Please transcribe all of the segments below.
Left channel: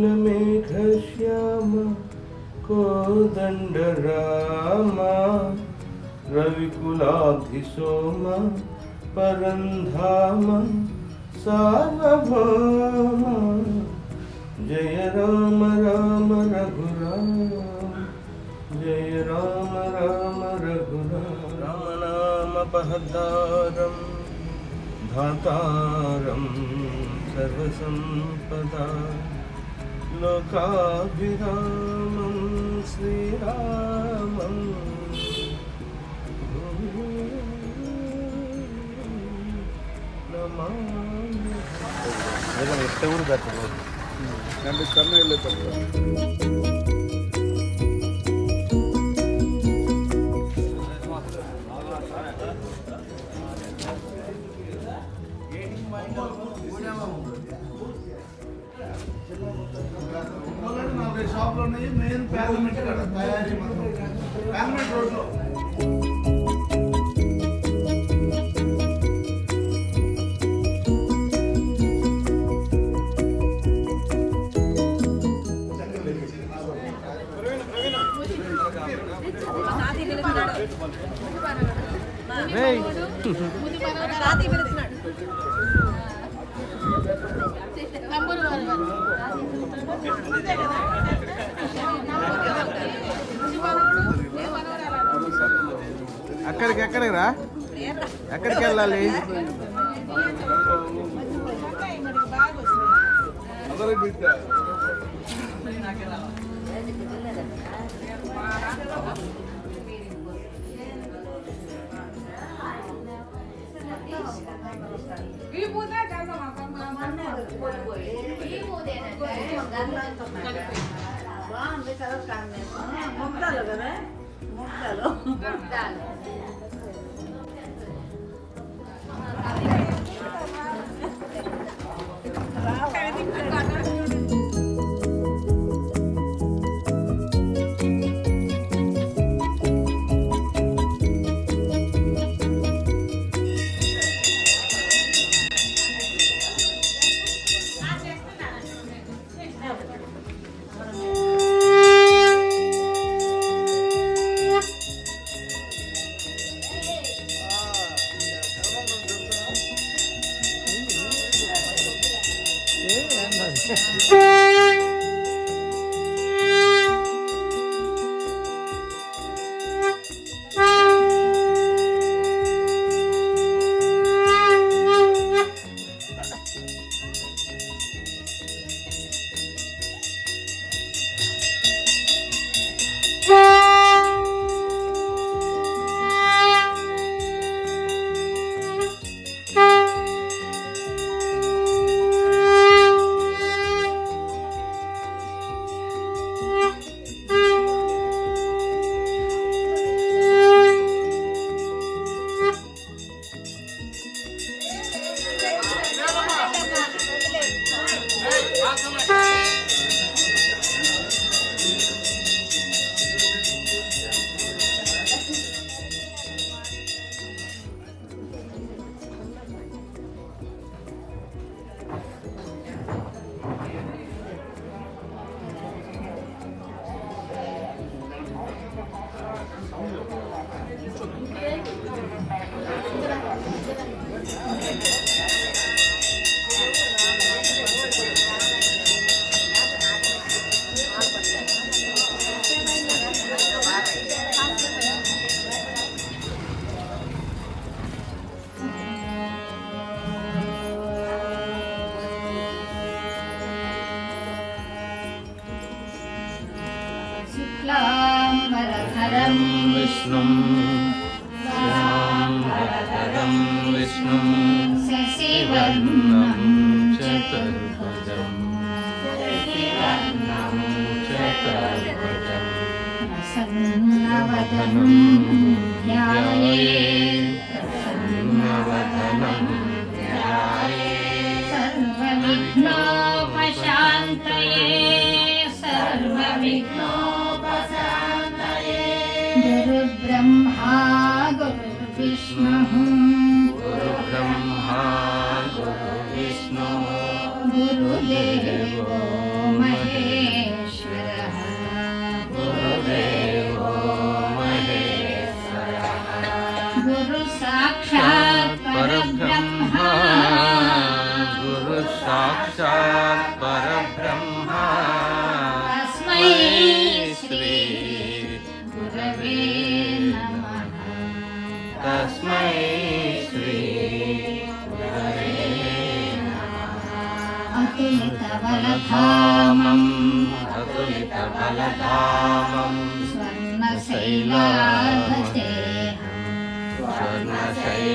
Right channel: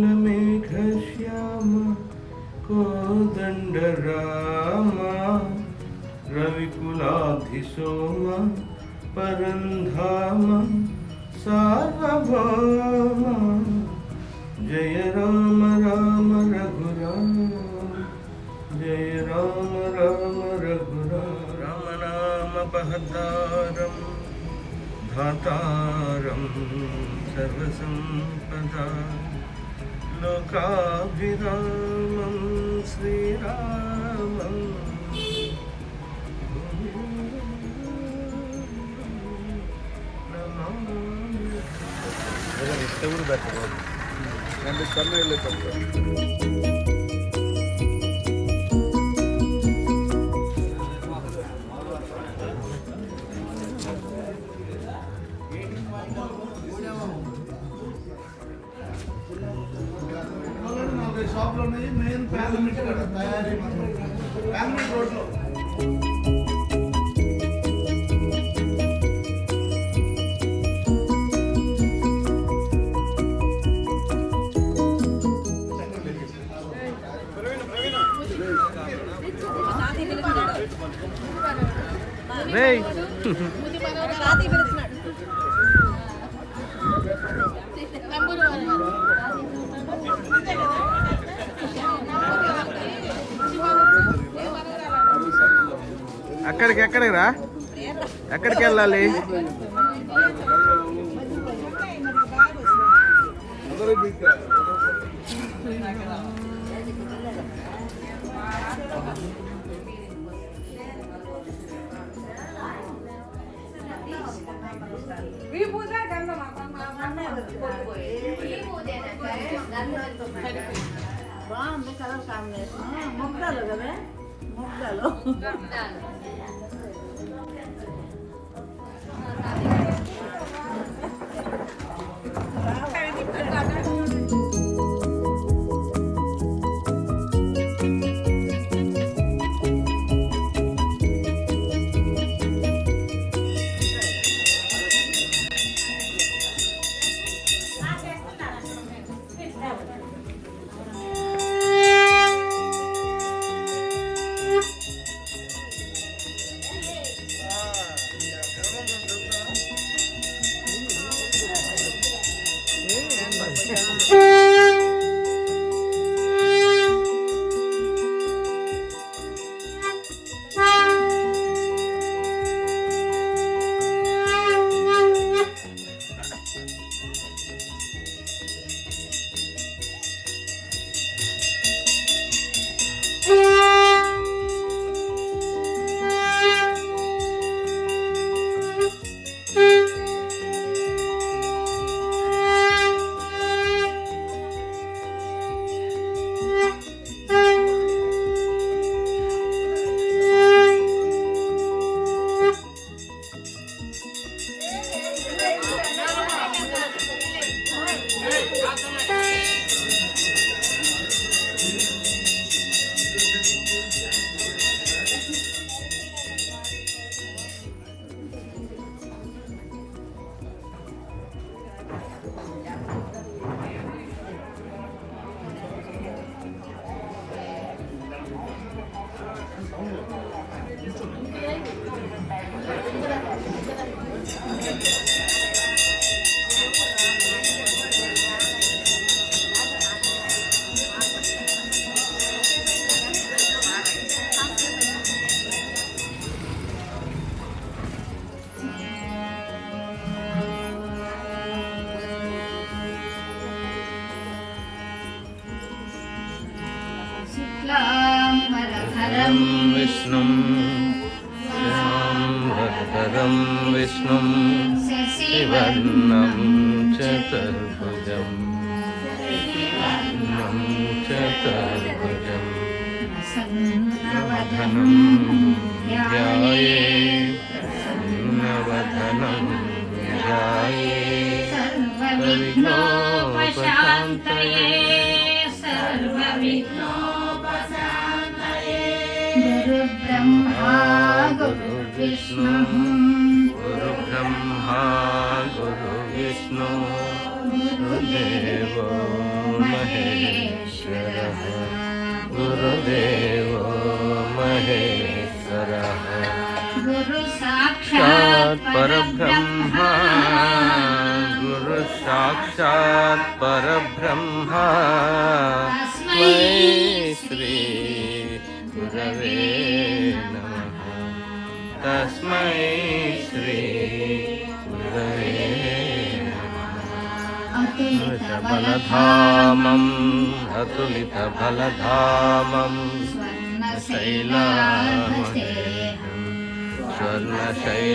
नीलमेघश्याम कोदण्डराम रविकुलाधिसोम परन्धाम सार्वभौम जय राम राम रघुराम जय राम राम रघुराम राम नाम बहदारम धातारम सर्वसंपदा लोकाभिरामं श्रीरामं షాప్ లో మెయిన్ పార్లమెంట్ తయారీ పార్లమెంట్ రోడ్ లో ఎక్కడికి రా ఎక్కడికి వెళ్ళాలి विष्णुं शशिवर्णं विष्णुं शशिवर्णं चतुर्भुजं नवधनं ध्यायेत् नवधनं ध्यायेत् सर्वविघ्नोपशान्तये गुरुब्रह्मा गुरुविष्णुः गुरुब्रह्मा गुरुविष्णु गुरुदेवो महेश्वरः गुरुदेवो महेश्वरः गुरु साक्षात् परब्रह्मा गुरु साक्षात् परब्रह्मा तस्मै श्री गुरवे नमः तस्मै श्री गुरवे बलधामम् अतुलितबलधामम् स्वर्णशैलाभरेणं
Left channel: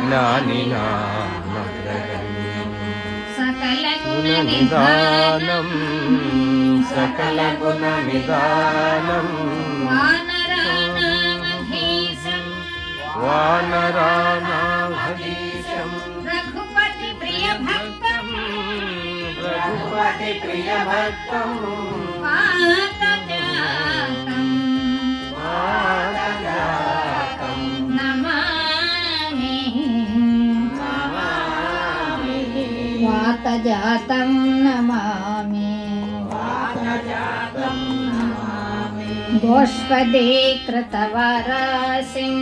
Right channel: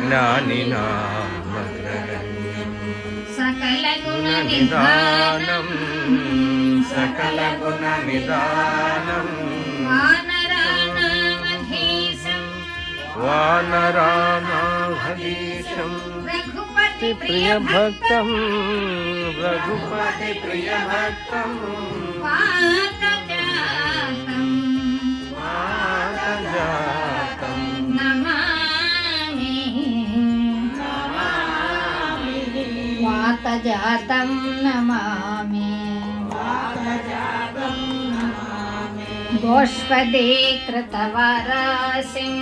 ज्ञानिनामग्रगण्यं गुणनिदानं सकलगुणनिदानं वानरानाधीशं प्रियभक्तं रघुपति प्रियभक्तं मातजातं वातजातं नमामि गोष्पदीकृतवारासिं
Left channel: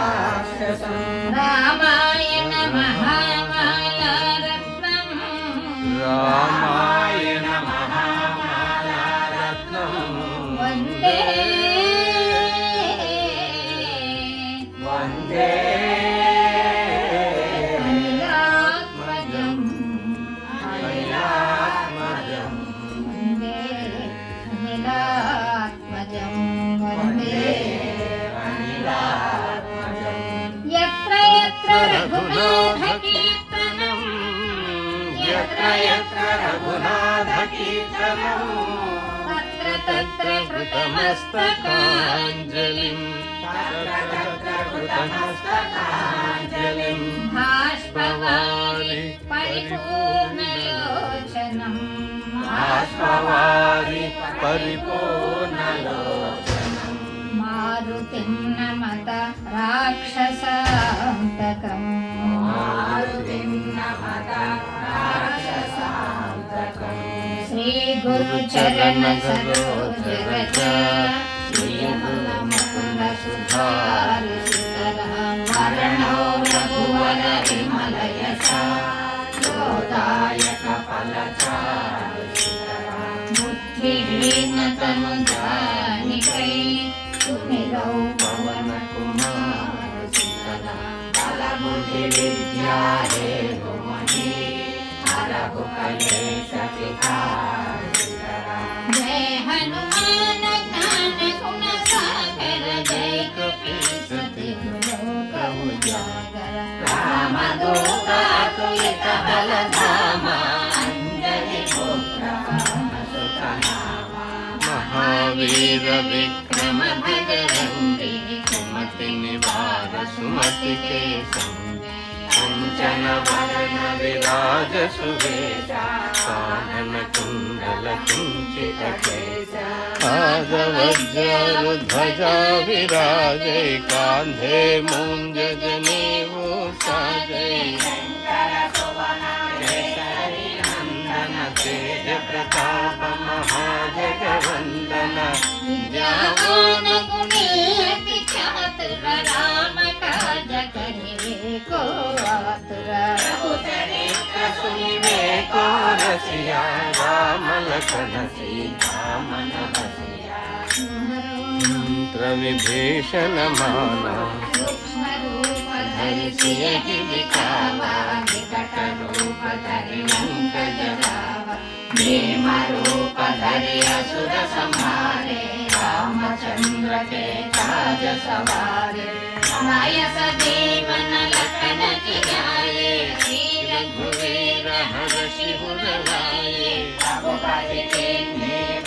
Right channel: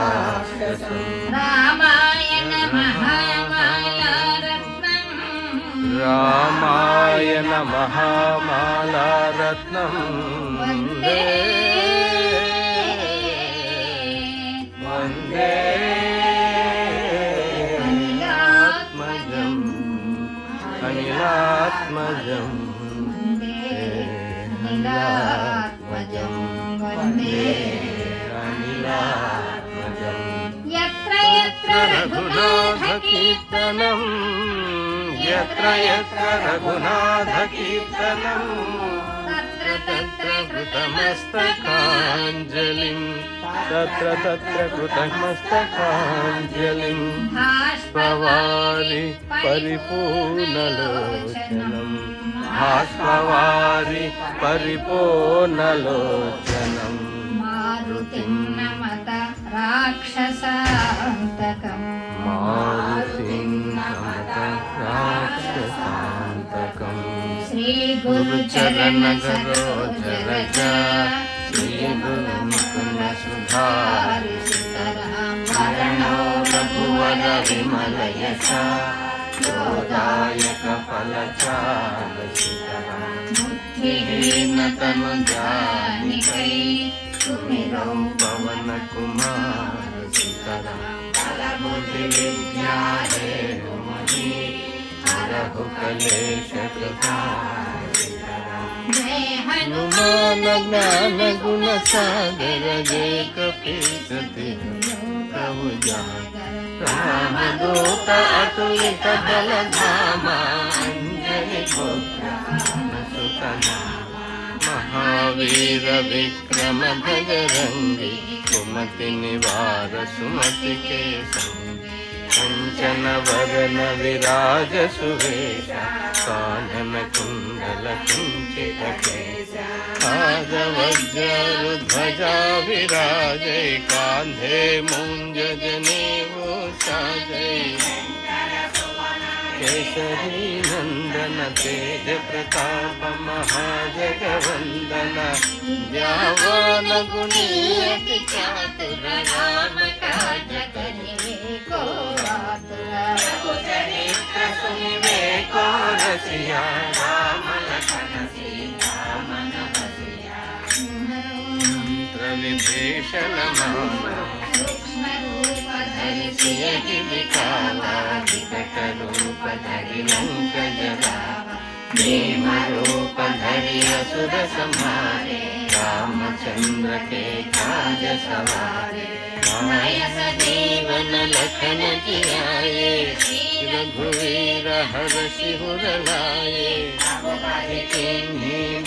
मसकीकृतराक्षसं रामायण महामालारत्नं वन्दे वन्दे अनिलात्मजं यत्र यत्र रघुनाथकीर्तनं यत्र यत्र रघुनाथकीर्तनं तत्र कृतमस्तकाञ्जलिं तत्र कृतमस्तकाञ्जलिं भाष्पवारि परिपूर्णलोचनं भाष्पवारि परिपूर्णलोचनं मारुतिं नमत राक्षसान्तकम् मारुतिं नमत राक्षसान्तकम् श्रीगुरुचरणगरोधरज श्रीगुरुमुकुन्दसुधारितरणो रघुवर विमलयश गोदायक फलचारुशिखरमुद्रिहीनतनुजानिकै सुमिरौ पवनकुमार शिखरा बुद्धिविद्या हेरुमणि हरहु कलेशकृता जय हनुमान ज्ञान गुण सागर जय कपीसति प्रभु रामदूत अतुलित बलधामा अंजलि पुत्र महावीर विक्रम भजरंगी कुमति निवार सुमति के संग कंचन वदन विराज सुवेश कानन कुंडल कुंचित केश ध्वजा विराजय कांधे मूंज जनेऊ साजय केसरी नंदन तेज प्रताप महाजगवंदन ज्ञान गुणी अति चातुर राम काज को सुनिवे को रसिया राम लखन सीता मन बसिया मंत्र विभीषण माना हरिषि दिखावा विकट रूप धरि लंक जलावा भीम रूप धरि असुर संहारे रामचंद्र के काज सवारे, आय सजीवन लखन जियाए, रघुवीर हर्षि उर लाए,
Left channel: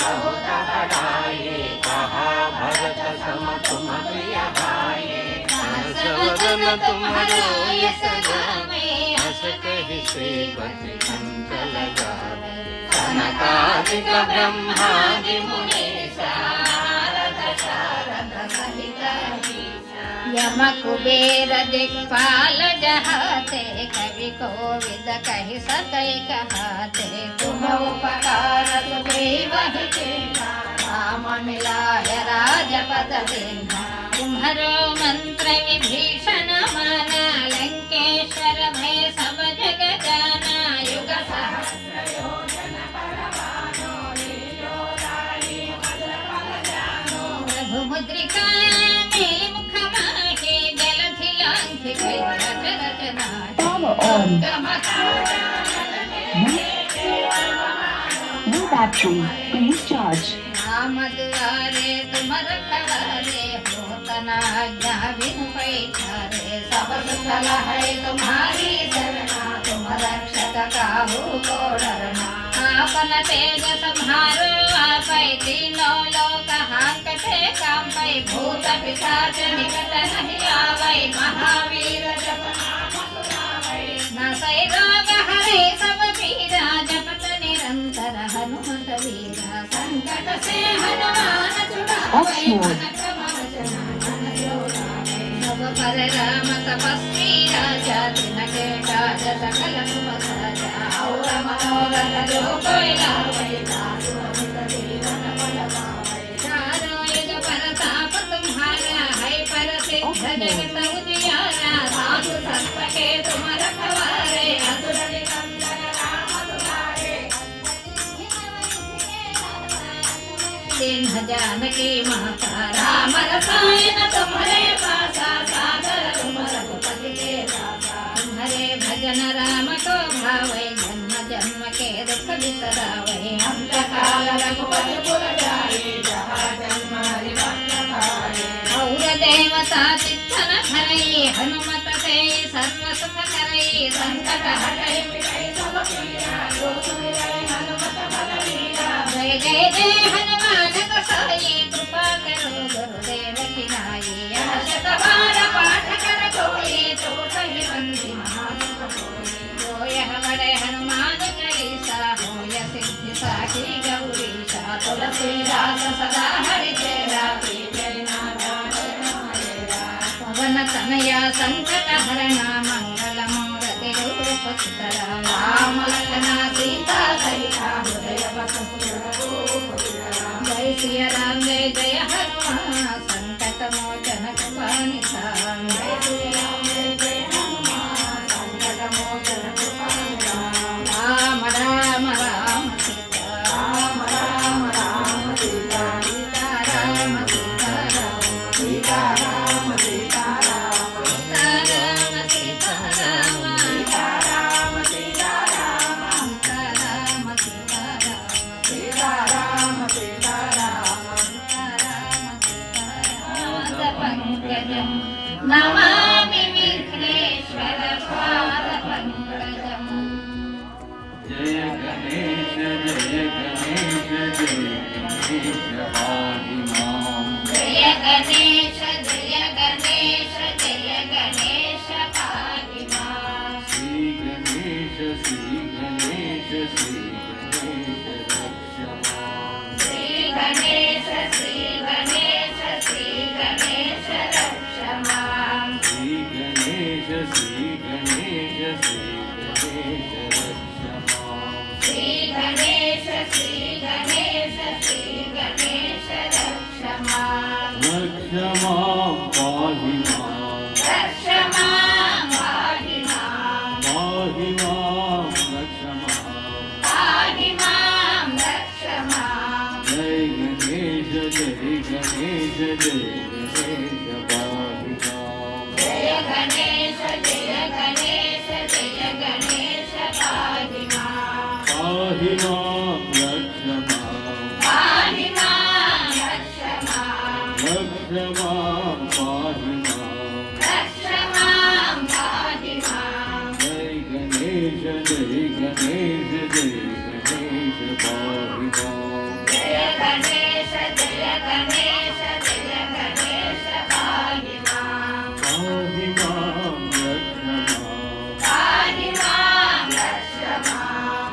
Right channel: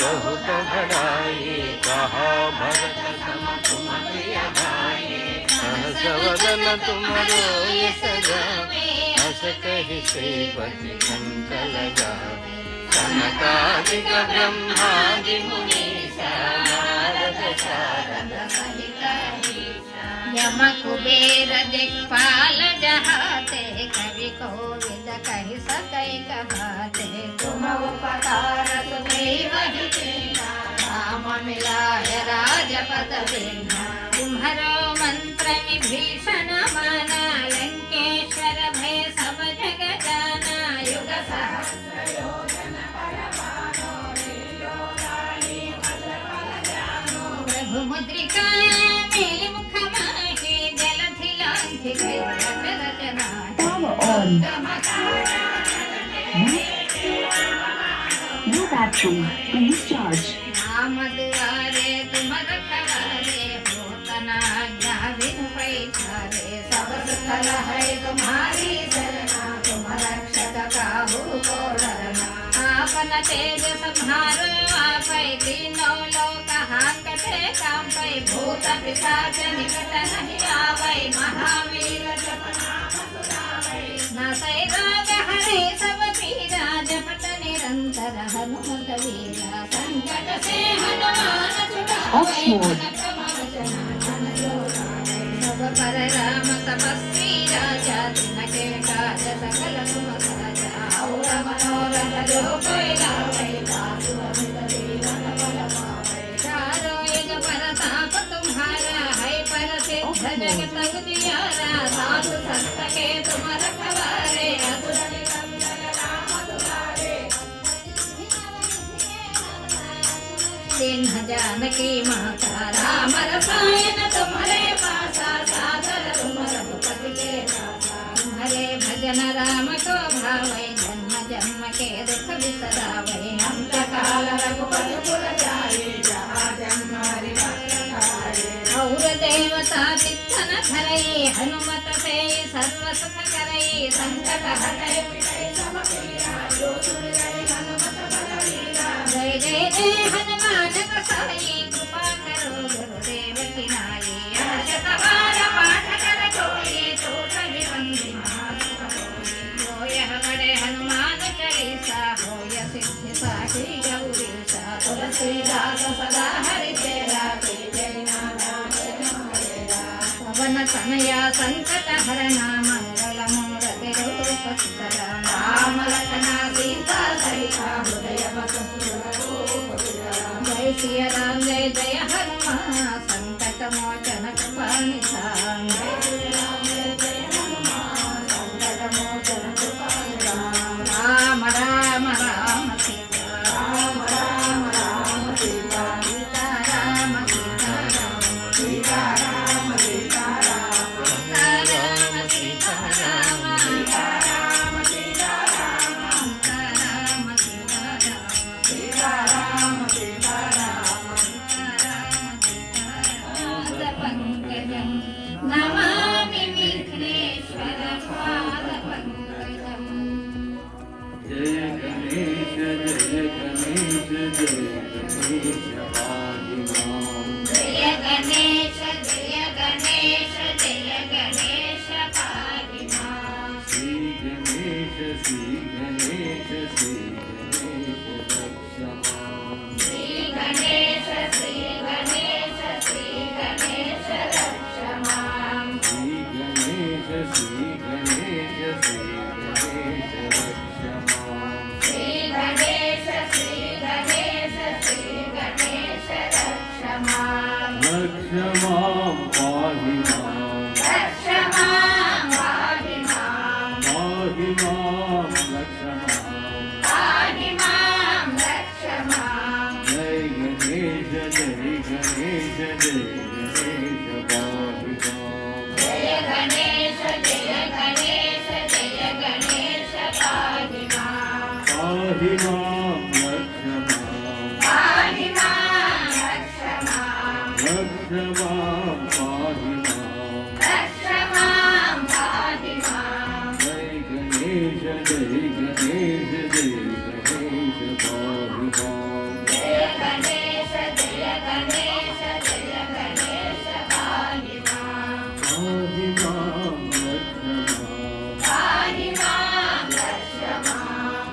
बहुत बढ़ाए, कहा भरत सम तुम प्रिय भाई, सहस वदन तुमरो यश गावे, हस कहि श्रीपति कंठ लगावे, सनकादिक ब्रह्मादि मुनीसा, नारद शारद सहित अहीसा, यम कुबेर दिक्पाल जहाते, कवि कोविद कहि सकै कहाते, तुम उपकार सुग्रीव ही कीन्हा, राम मिलाय राजपद दीन्हा, तुम्हरो मंत्र विभीषण माना, लंकेश्वर भय सब जग जाना, युग सहस्र योजन पर भानो, लील्यो रानी मधुर फल जानो, रघुमुद्रिका मुख माहि, जलधि लांघि गई रच रचना, No battery. Please charge. Ram दुआरे तुम रखवारे, होत न आज्ञा बिनु पैठारे, सब सुख लहै तुम्हारी शरणा, तुम रक्षक काहू को डरना, आपन तेज सम्हारो आपै, तीनों लोक हांकते कांपै, भूत पिशाच निकट नहीं आवै, महावीर जप नाम सुनावै, नासै रोग हरै सब पीरा, जपत निरंतर हनुमत वीरा, संकट से हनुमान छुड़ावै, मन क्रम वचन धन जो लावै, सब पर राम तपस्वी राजा, तिनके काज सकल तुम साजा, और मनोरथ जो कोई लावै, साधु अमित जीवन फल पावै, चारों युग परताप तुम्हारा, है परसिद्ध जगत उजियारा, साधु संत के तुम रखवारे, असुर निकंदन राम दुलारे, सिंह जानकी माता, राम रसायन तुम्हारे पासा, सादर तुम रघुपति के दासा, तुम्हारे भजन राम को भावै, जन्म जन्म के दुख बिसरावै, अंत काल रघुपति पुर जाई, जहाँ जन्म हरि भक्त भाई, और देवता चित्तन धरई, हनुमत से सर्व सुख करई, संकट हटै मिटै सब पीरा, जो सुमिरै हनुमत बल वीरा, जय जय जय हनुमान गोसाई, कृपा करो गुरुदेव की नाई, यह शत बार पाठ कर जोई, टूट ही बंदी महामुख होई, जो यह बड़े हनुमान चालीसा, होय सिद्धि साखी गौरीशा, तुलसीदास सदा हरि चेरा, प्रीतै नाथ हमारेरा, पवन तनया संकट हरणा, मंगल मूर्ति रूप सुंदरा, राम लखन सीता सहिता, हृदय बसु रूप विधरा, जय सिया राम जय जय हनुमान, संकट मोचन कृपा निधान, जय सिया राम जय जय हनुमान, संकट मोचन कृपा निधान, राम राम राम सीता, राम राम राम सीता, सीता राम सीता राम, सीता राम सीता राम, राम सीता राम, सीता राम सीता राम, सीता राम सीता राम, पंकजं नमामि विघ्नेश्वर पादपङ्कजम्। जय गणेश जय गणेश जय गणेश आदिमां, जय गणेश जय गणेश जय गणेश पाहि मां। श्री गणेश श्री गणेश श्री गणेश रक्ष मां, श्री गणेश श्री गणेश श्री गणेश रक्ष मां। श्री गणेश श्री गणेश श्री गणेश रक्ष मां, श्री गणेश श्री गणेश श्री गणेश रक्ष मां। रक्ष मां पाहि मां, रक्ष मां पाहि मां। पाहि मां रक्ष मां, पाहि मां रक्ष मां। जय गणेश जय गणेश जय गणेश पाहि मां, जय गणेश जय गणेश जय गणेश पाहि मां। पाहि मां रक्ष मां, पाहि मां रक्ष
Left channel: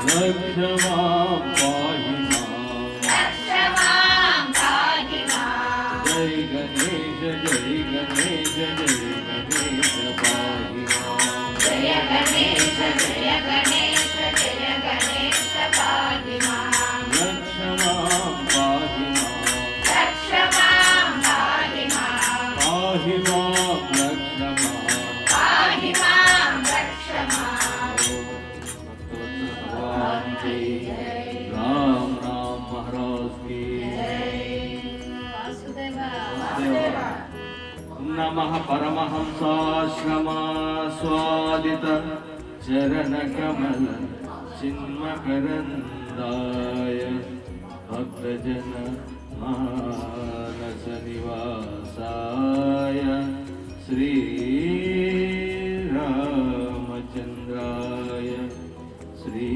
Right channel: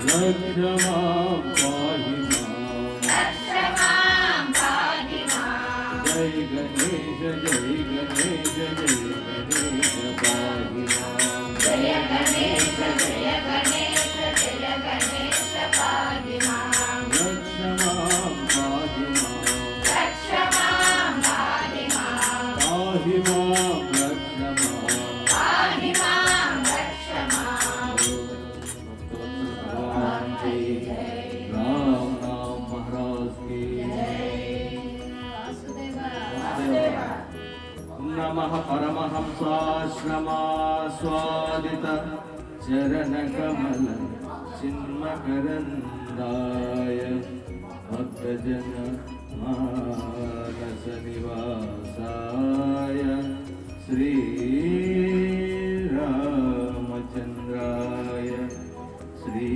रक्ष मां पाहि मां जय गणेश जय गणेश जय गणेश पाहि मां जय गणेश जय गणेश जय गणेश पाहि मां रक्ष मां पाहि मां रक्ष मां पाहि मां पाहि मां रक्ष मां पाहि मां रक्ष मां भगवान की राम राम महाराज की वासुदेवा नमः परमहंसाश्रमास्वादित चरणकमल चिन्मकरन्दाय भक्तजन मानस निवासाय श्री रामचन्द्राय श्री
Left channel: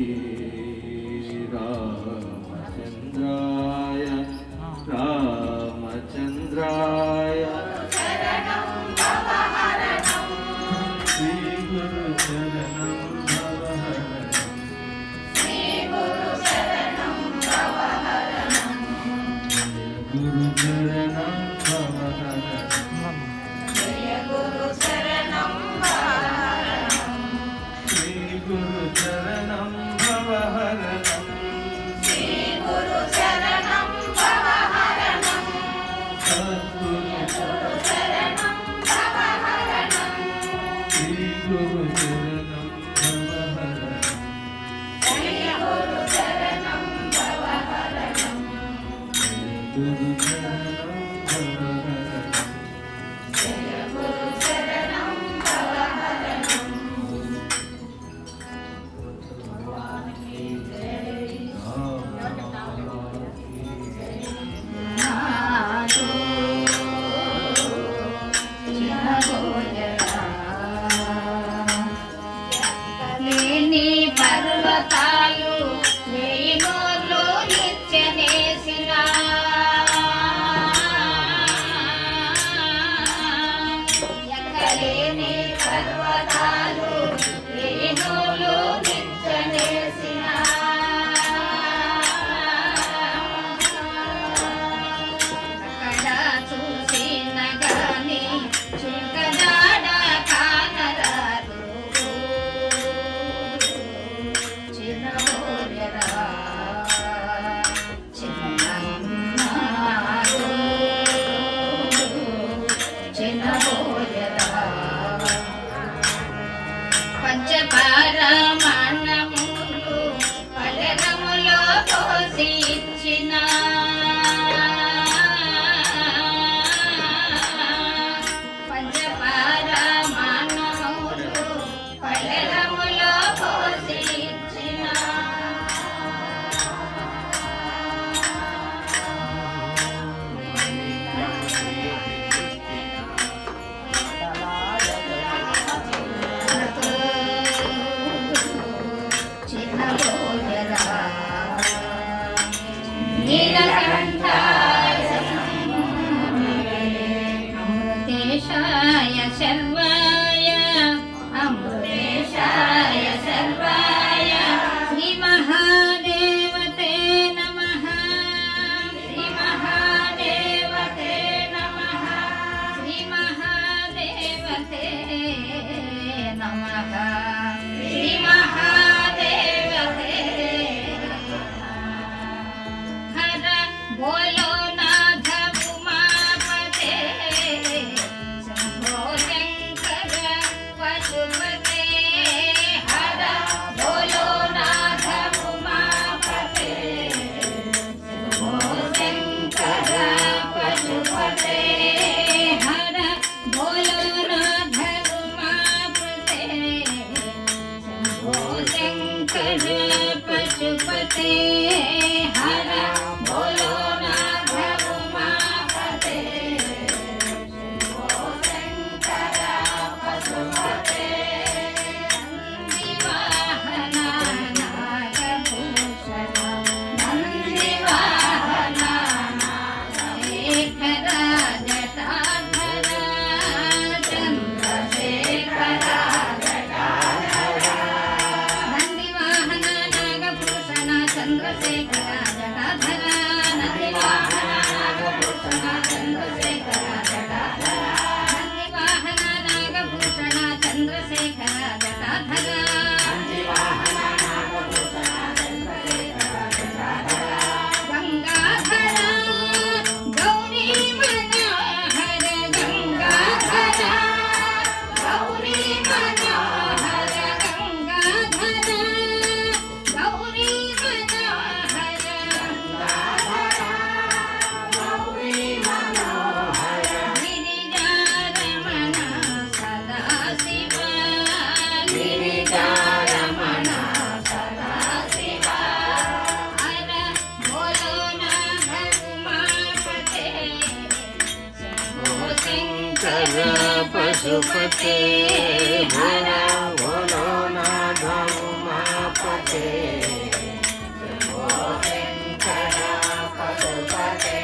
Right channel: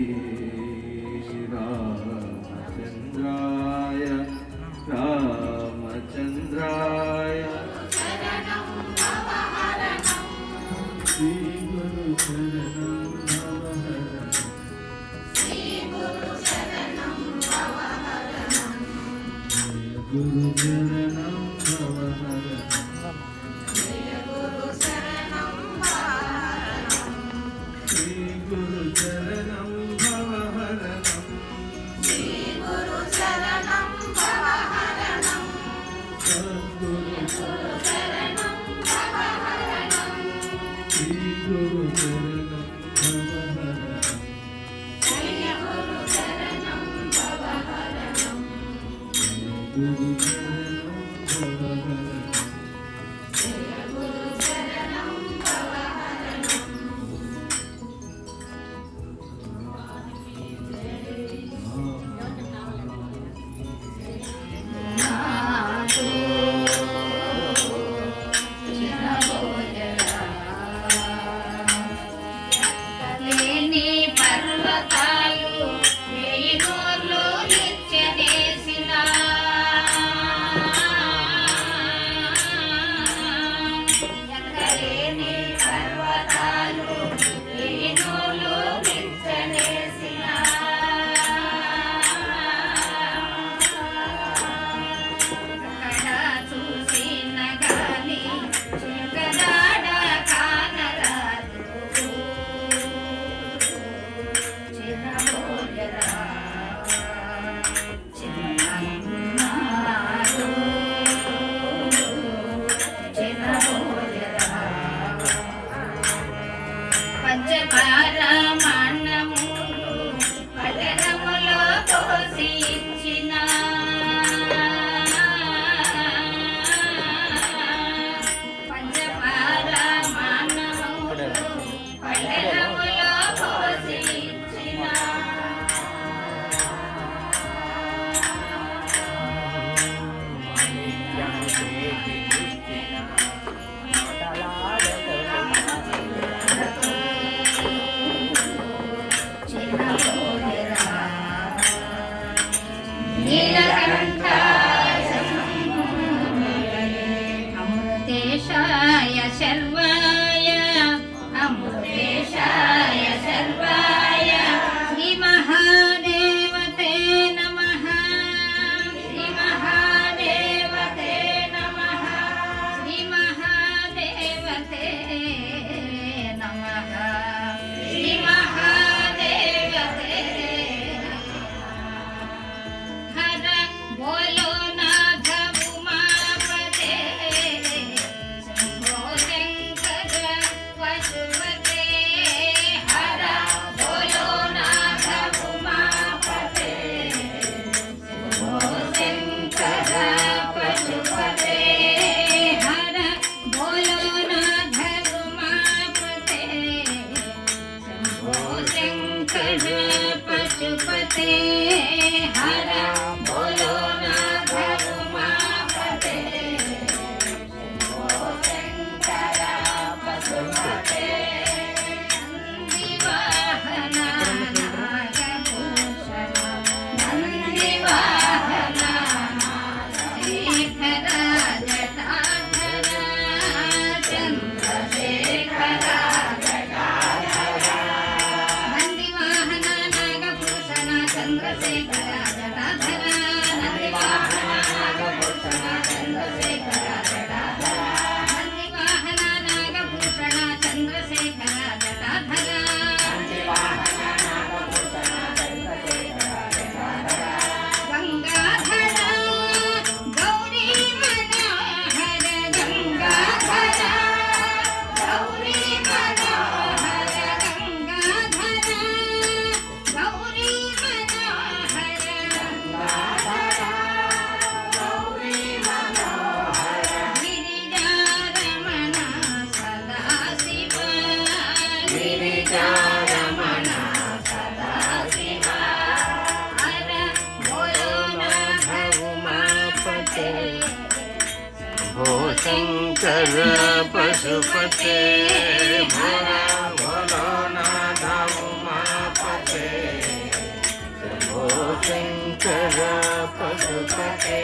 रामचन्द्राय रामचन्द्राय श्री गुरु शरणं गुरु शरणं जय गुरु शरणं भवहरणं श्री गुरु शरणं भवहरणं श्री गुरु शरणं भवहरणं सद्गुरु शरणं भवहरणं श्री गुरु शरणं भवहरणं जय गुरु शरणं भवहरणं गुरु शरणं भवहरणं जय गुरु शरणं भवहरणं भगवान की जय లేని పర్వతాలు వేయినోళ్ళు నిత్యదేశిన ఎక్కలేని పర్వతాలు వేయినోళ్ళు నిత్యదేశిన అక్కడ చూసిన గాని చుక్కనాడ కానరాదు చిన్నబోయరా చిన్నమ్మాడు చిన్నబోయరా పంచపారమాన్నములు పలకములో పోసి ఇచ్చిన పంచపారమాన్నములు పలకములో పోసి ఇచ్చిన చిన్నబోయరా నీలకంఠాయ అమృతేశాయ శర్వాయ అమృతేశాయ శర్వాయ శ్రీ మహాదేవతే నమః శ్రీ మహాదేవతే నమః శ్రీ మహాదేవతే నమః శ్రీ మహాదేవతే హర బోలో నాథ ఉమాపతే శంభో శంకర పశుపతే హర బోలో నాథ ఉమాపతే శంభో శంకర పశుపతే హర బోలో నాథ ఉమాపతే శంభో శంకర పశుపతే హర బోలో నాథ ఉమాపతే శంభో శంకర పశుపతే నందివాహన నాగభూషణ నందివాహన నాగశేఖర జటాధర చంద్రశేఖర జటాధర నందివాహన నాగభూషణ శంకర పశుపతే భోలా భోలో నాథ ఉమాపతే శంభో శంకర పశుపతే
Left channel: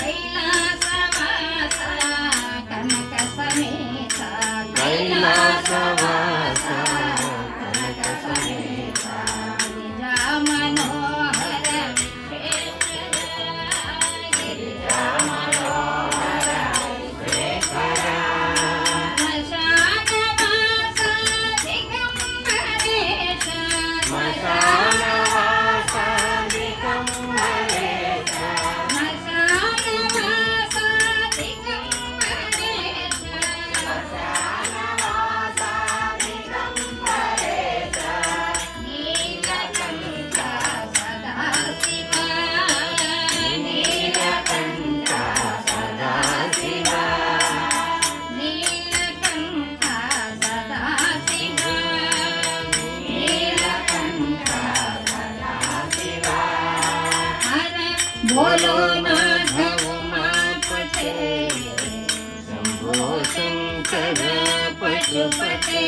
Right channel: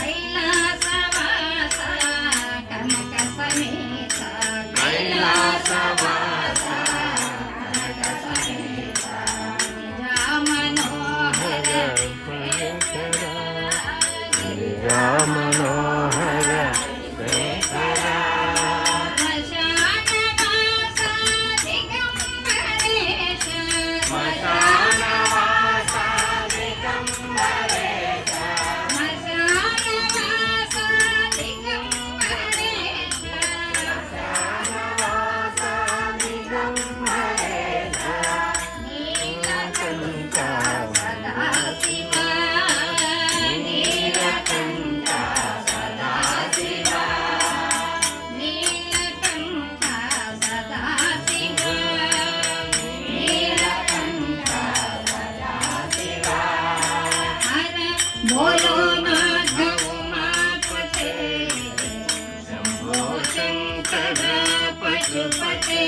కైలాసవాస కనక సమేత కైలాసవాస కనక సమేత మనోహర రామనోహర శేఖర శ్మశానవాస దిగంబరేశ నీలకంఠ సదాశివ బోలో నాథ ఉమాపతే శంభో శంకర పశుపతే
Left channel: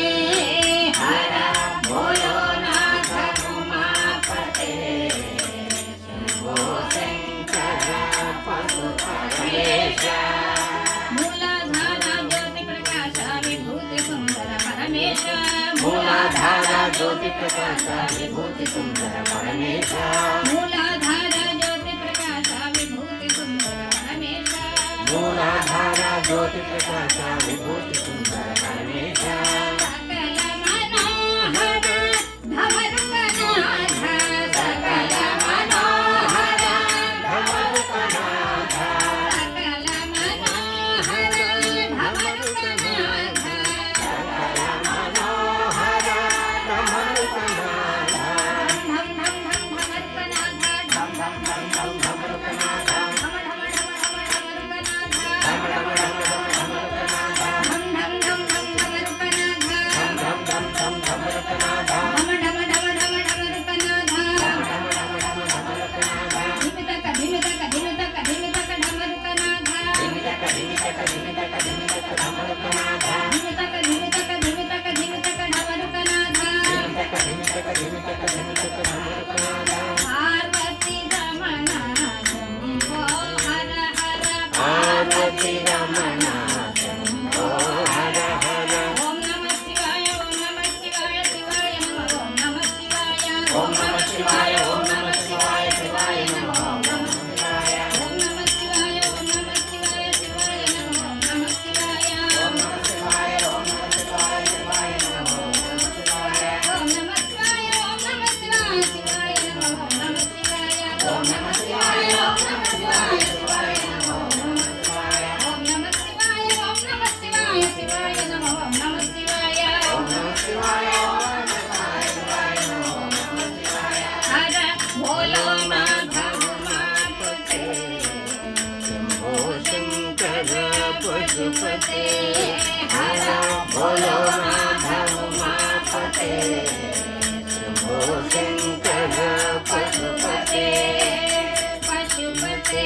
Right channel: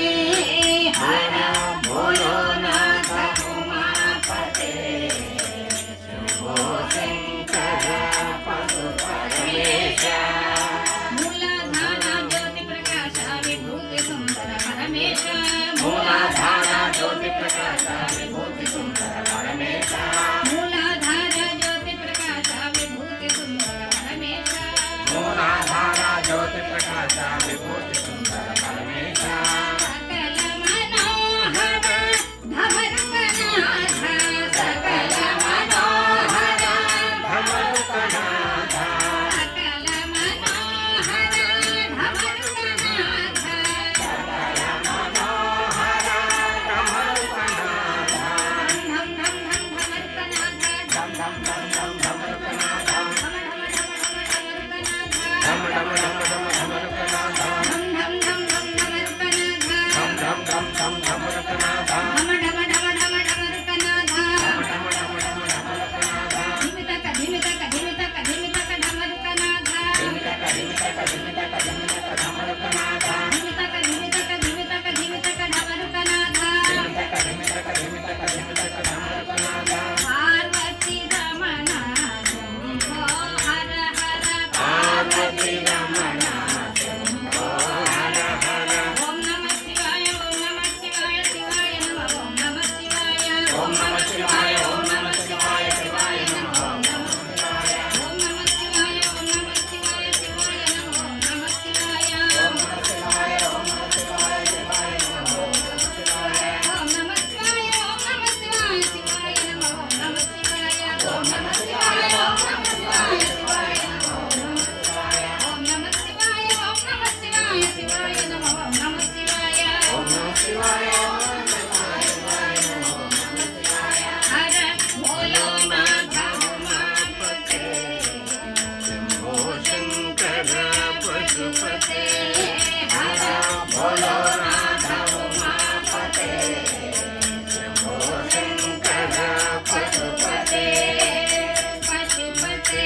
హర భోలో నాథ ఉమాపతే శంభో శంకర పశుపరమేశ మూలాధార జ్యోతి ప్రకాశ విభూతి సుందర పరమేశ మూలాధార జ్యోతి ప్రకాశ విభూతి సుందర పరమేశ మూలాధార జ్యోతి ప్రకాశ విభూతి సుందర పరమేశ సకల మనోహర ధమరుకనాథ సకల మనోహర ధమరుకనాథ మనోహర ధమరుకనాథ ధమ ధమ ధమ ధమ ధమరుకనాథ ధం ధం ధం ధం ధమరుకనాథ ధమ ధమ ధమ ధమరుకనాథ ధిమితక ధిమితక ధిమితక ధమరుకనాథ ధిమితక ధిమితక ధిమితక ధమరుకనాథ పార్వతీ రమణ పార్వతి రమణ శంభో హర హర ఓం నమః శివాయ ఓం నమః శివాయ శివాయ నమః ఓం నమః శివాయ ఓం నమః శివాయ ఓం నమః శివాయ శివాయ నమః ఓం నమః శివాయ ఓం నమః శివాయ ఓం నమః శివాయ శివాయ నమః ఓం నమః శివాయ ఓం నమః శివాయ ఓం నమః శివాయ శివాయ నమః ఓం నమః శివాయ ఓం నమః శివాయ ఓం నమః శివాయ శివాయ నమః ఓం నమః శివాయ ఓం నమః శివాయ ఓం నమః శివాయ శివాయ నమః ఓం నమః శివాయ ఓం నమః శివాయ ఓం నమః శివాయ శివాయ నమః ఓం నమః శివాయ ఓం నమః శివాయ ఓం నమః శివాయ శివాయ నమః ఓం నమః శివాయ హర భోలో భోలో నాథ ఉమాపతే శంభో శంకర పశుపతే హర భోలో నాథ ఉమాపతే శంభో శంకర పశుపతే పశుపతే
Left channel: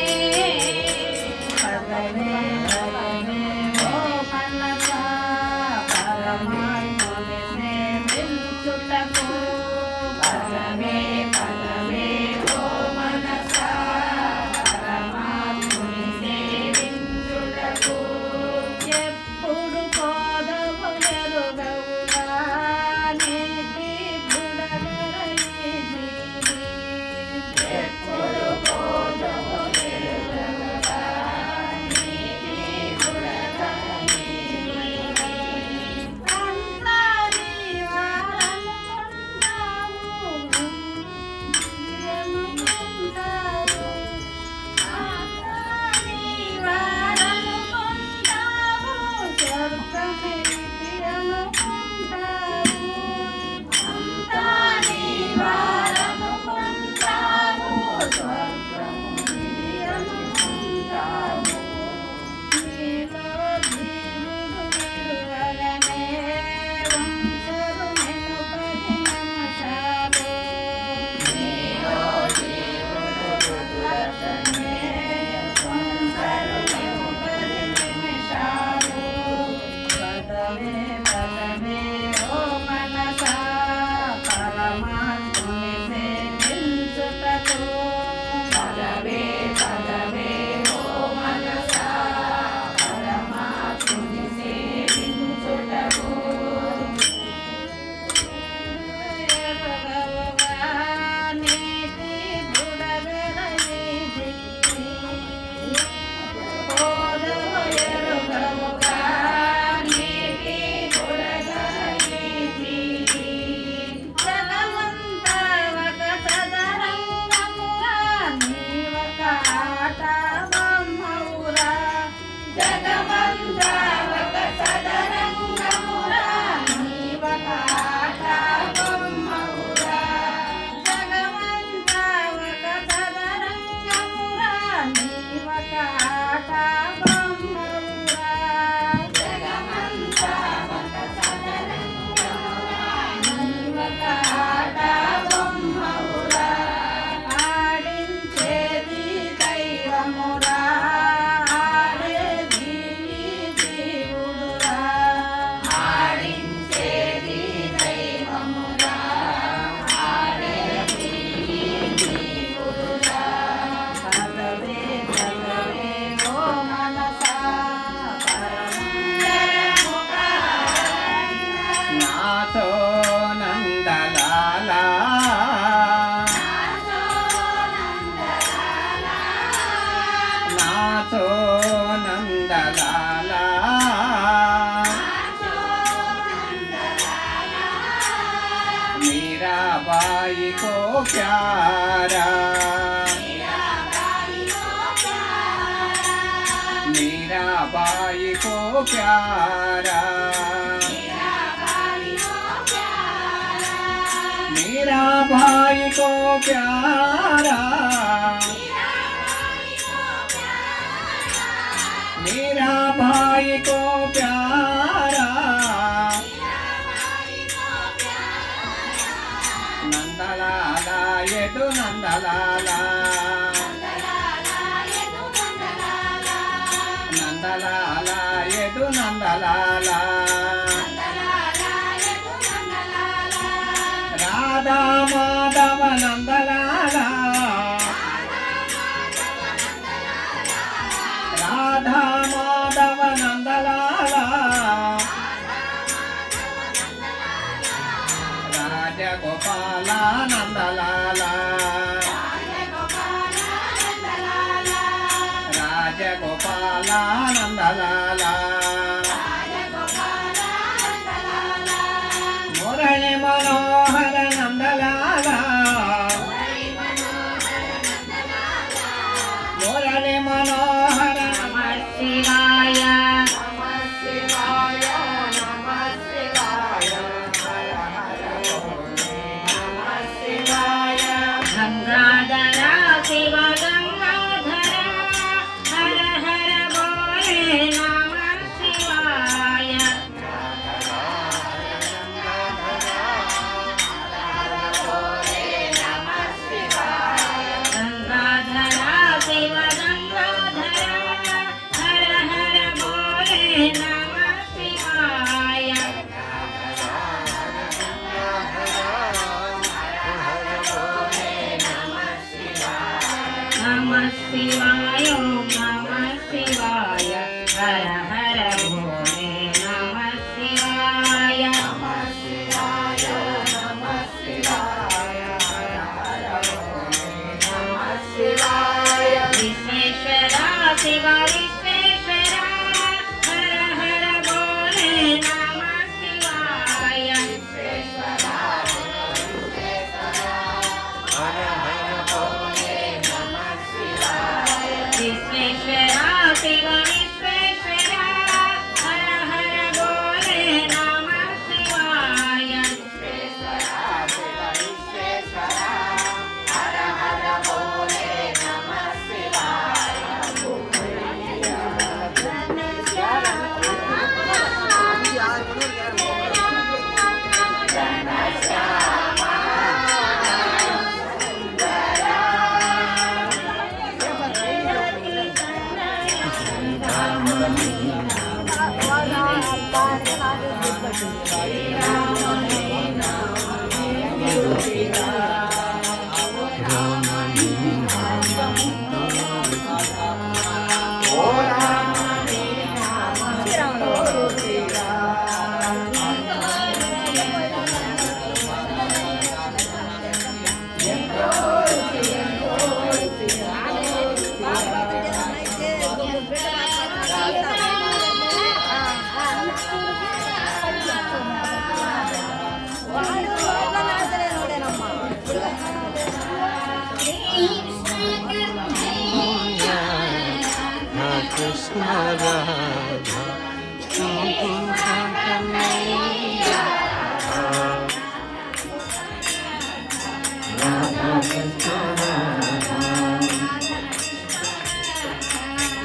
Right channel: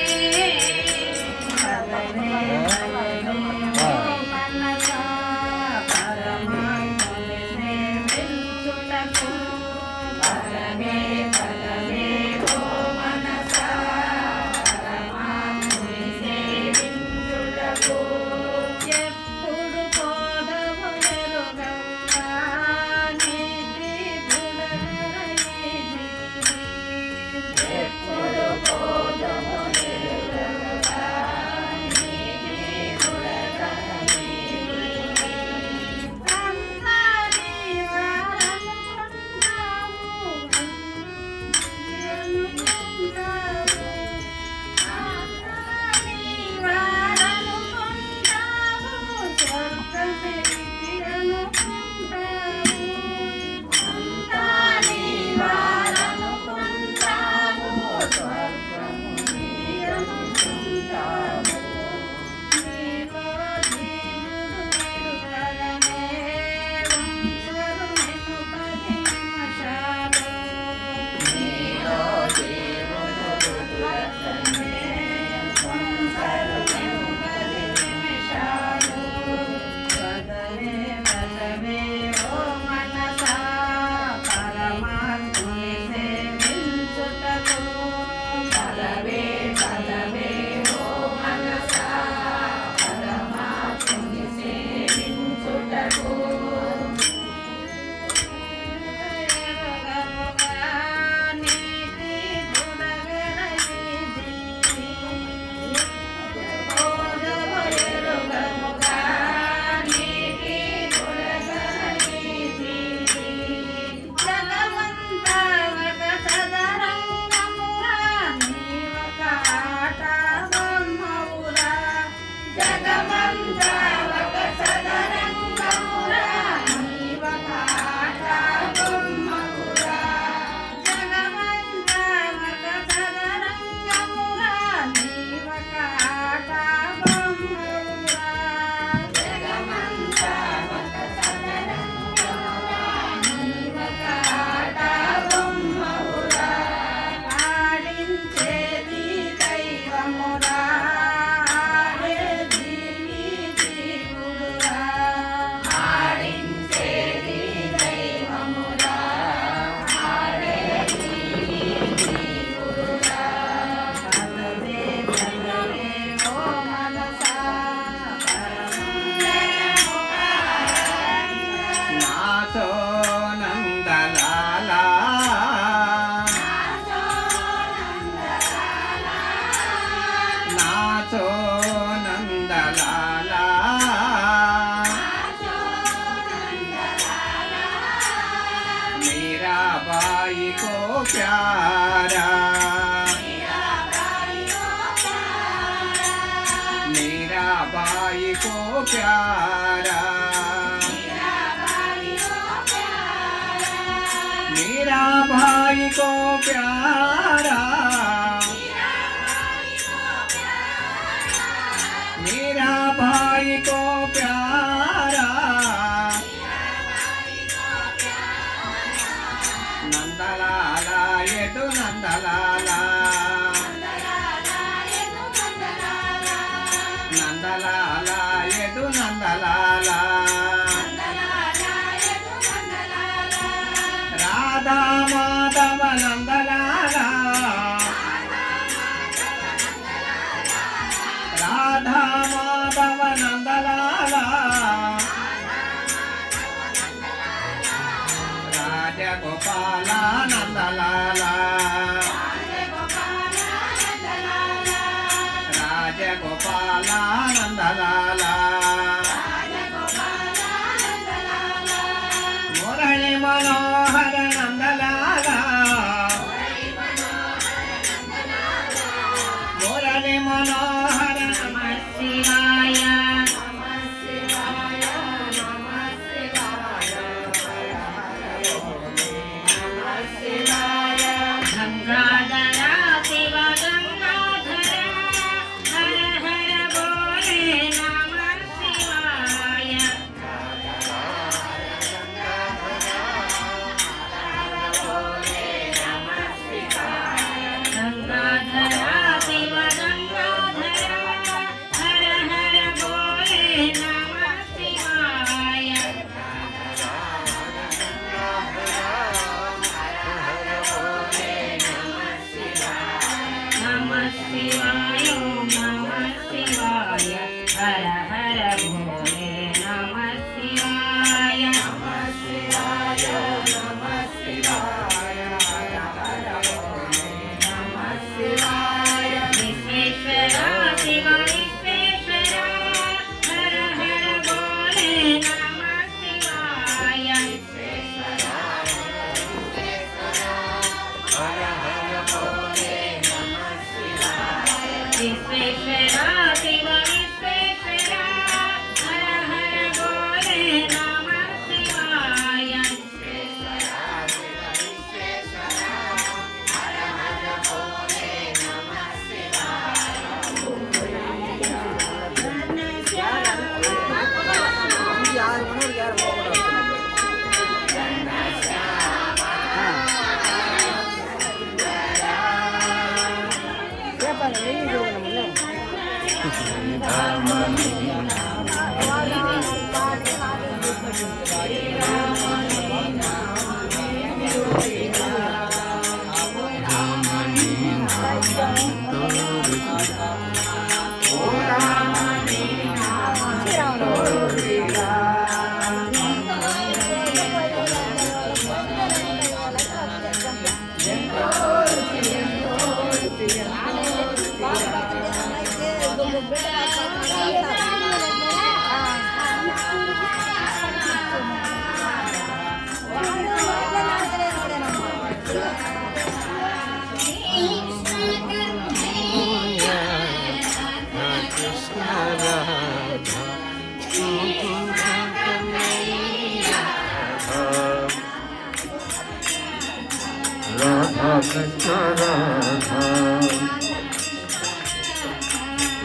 ఎప్పుడు కోదములెరుగక प्यारा मेरा भाई को प्यारा मेरा भाई को प्यारा नंदलाला यदु नंदलाला नंदलाला यदु नंदलाला राधा माधव नंदलाला राधा माधव नंदलाला राजा गोपाल नंदलाला राजा गोपाल नंदलाला मुरली मनोहर नंदलाला मुरली मनोहर शिवाय शिवाय गंगाधरा शिव गंगाधरा हर हर बोले नमः शिवाय गंगाधरा शिव गंगाधरा हर हर बोले नमः शिवाय नमः शिवाय नमः शिवाय हर हर भोले नमः शिवाय नमः शिवाय नमः शिवाय हर हर भोले नमः शिवाय विश्वेश्वरा शिव विश्वेश्वरा हर हर भोले नमः शिवाय विश्वेश्वरा शिव विश्वेश्वरा हर हर बोले नमः शिवाय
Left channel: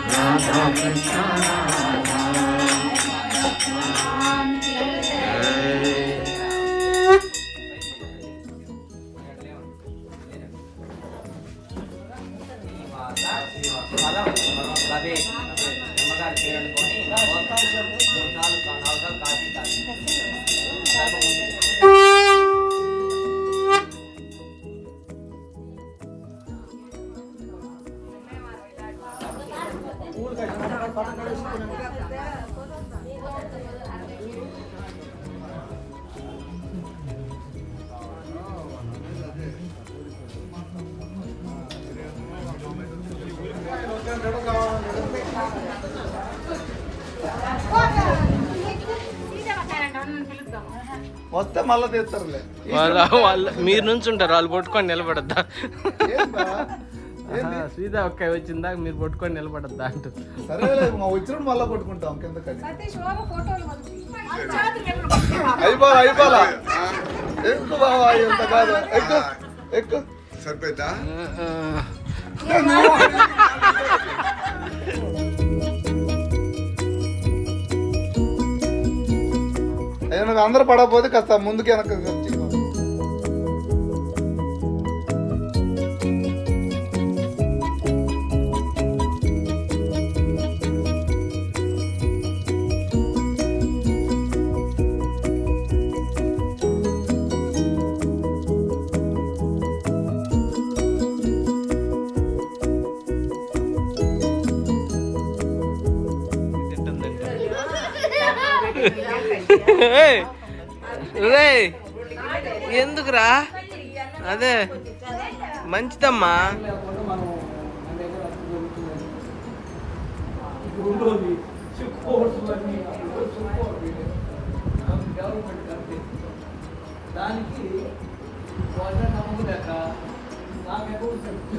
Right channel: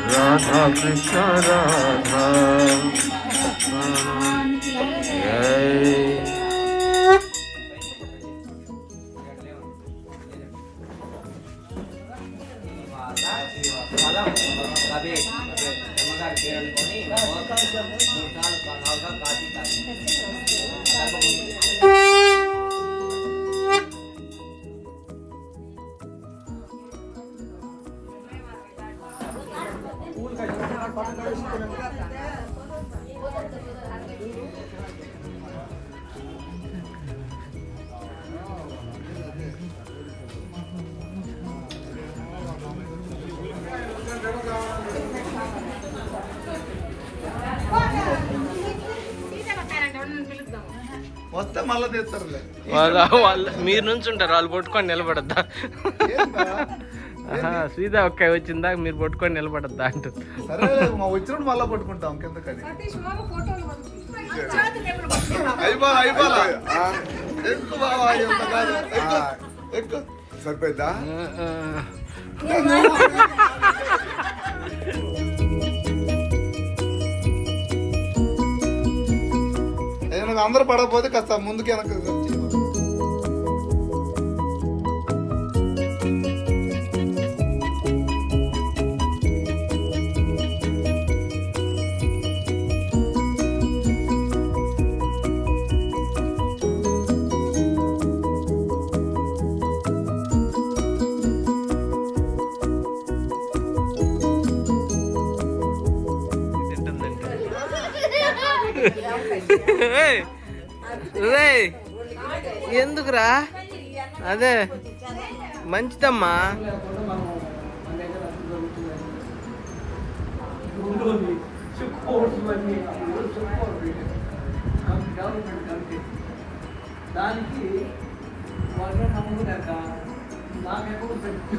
राधा कृष्ण राधा వస్తే మళ్ళీ తెస్తారులే. వాళ్ళ మీరు నుంచి ఉంటారు, వాళ్ళు పట్టుకొని నిలబడద్దా? సీదా ఒక్క వచ్చిందా మీరు పట్టుకొని నిలబడద్దా అంటూ. సరే మా వచ్చినప్పుడు మళ్ళా పట్టుకుంటాం కింద కలిసి అయిపోలా ఎక్కువ బావా ఎంత కాదు ఎక్కువ ఎక్కువ సరిపోయిందా? నువ్వు అందరూ పడకపోతే కాస్త ముందుకి వెనక ఎందుకురా అదే మంచిదమ్మా. దానికి వాళ్ళ నమ్మకం లెక్క నాకు అకౌంట్ పెట్టు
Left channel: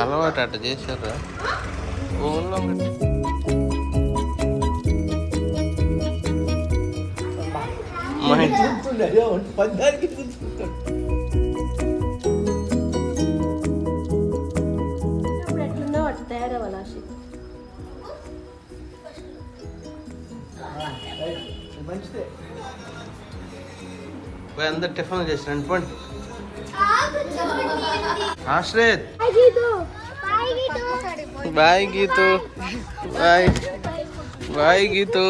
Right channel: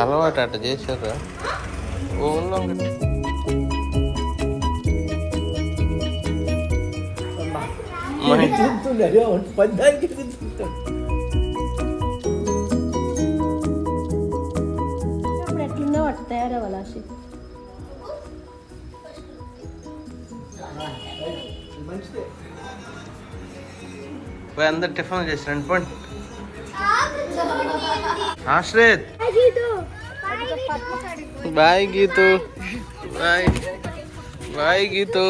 అలవాటు అట్ట చేశారా ఊళ్ళో అందరు టిఫిన్ చేసిరండి పోండి. Ashrith bye Geethu bye bye Geethu.